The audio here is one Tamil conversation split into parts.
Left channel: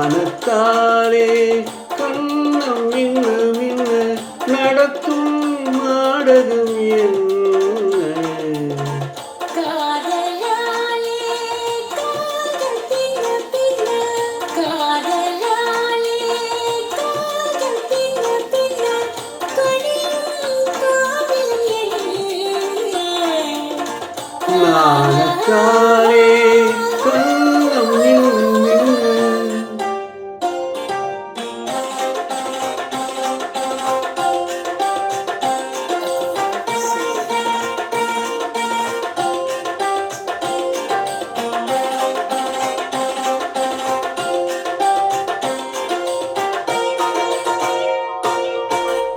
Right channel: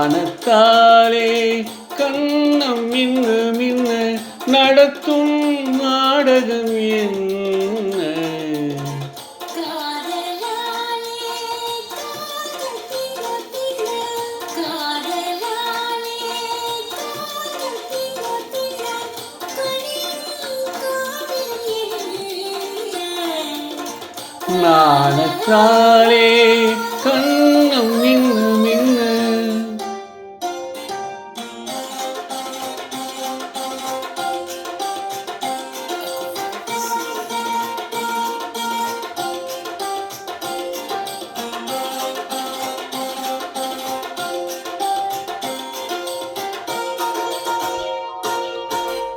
நாணத்தாலே கண்ணம் மின்னு மின்னு நடத்தும் நாடகம் என்ன? நாணத்தாலே கண்ணம் மின்னு மின்னு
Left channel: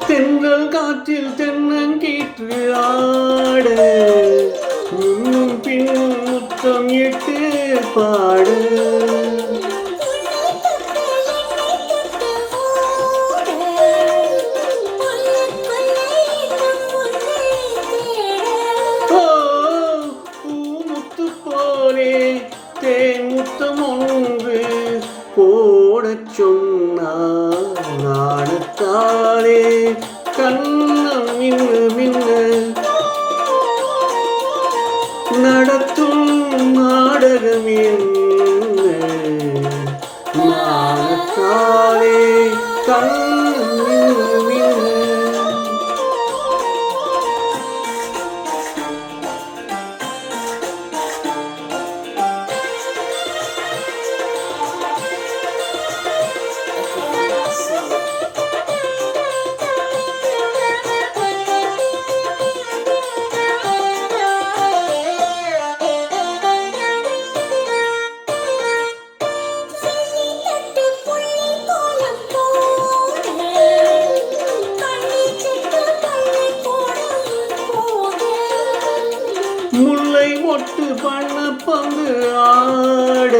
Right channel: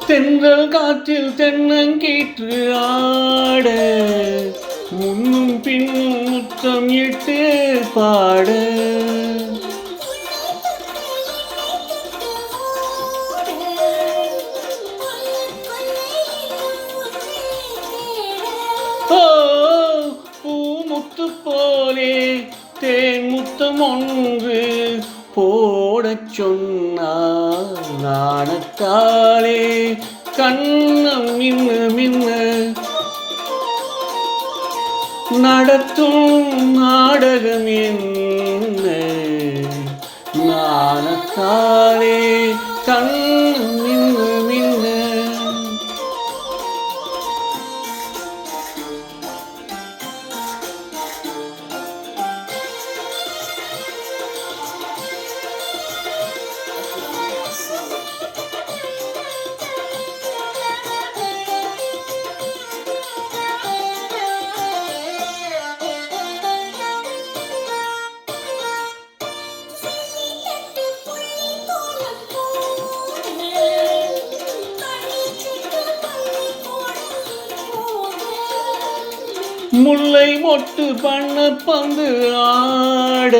தென்றல் காற்றில் தென்னங்கீற்று ஆட முன்னும் பின்னும் முத்தம் இட்டு பாட ஓ பூமுத்து போலே தேன் முத்தம் ஒன்று போடச் சொன்னார் நாணத்தாலே கண்ணம் மின்னு மின்னு நடத்தும் நாடகம் என்ன? நாணத்தாலே கண்ணம் மின்னு மின்னு முல்லை மொட்டு பண்ண பந்து ஆட